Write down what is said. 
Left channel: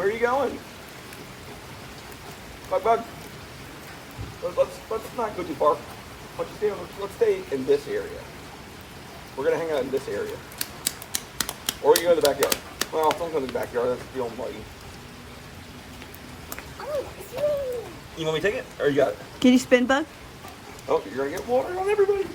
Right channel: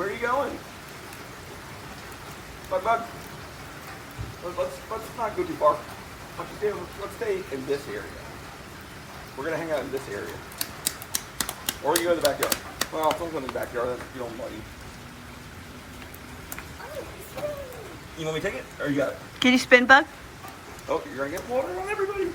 Where are you going? Bug. Let's not go too far. Let's stay in this area. We're gonna hang out in this area. Or you go to the backyard. Well, don't go in the backyard. That's feeling muddy. You want me to take it? Or you got it? Can you spin, Bug? Oh, you're gonna get water on everybody.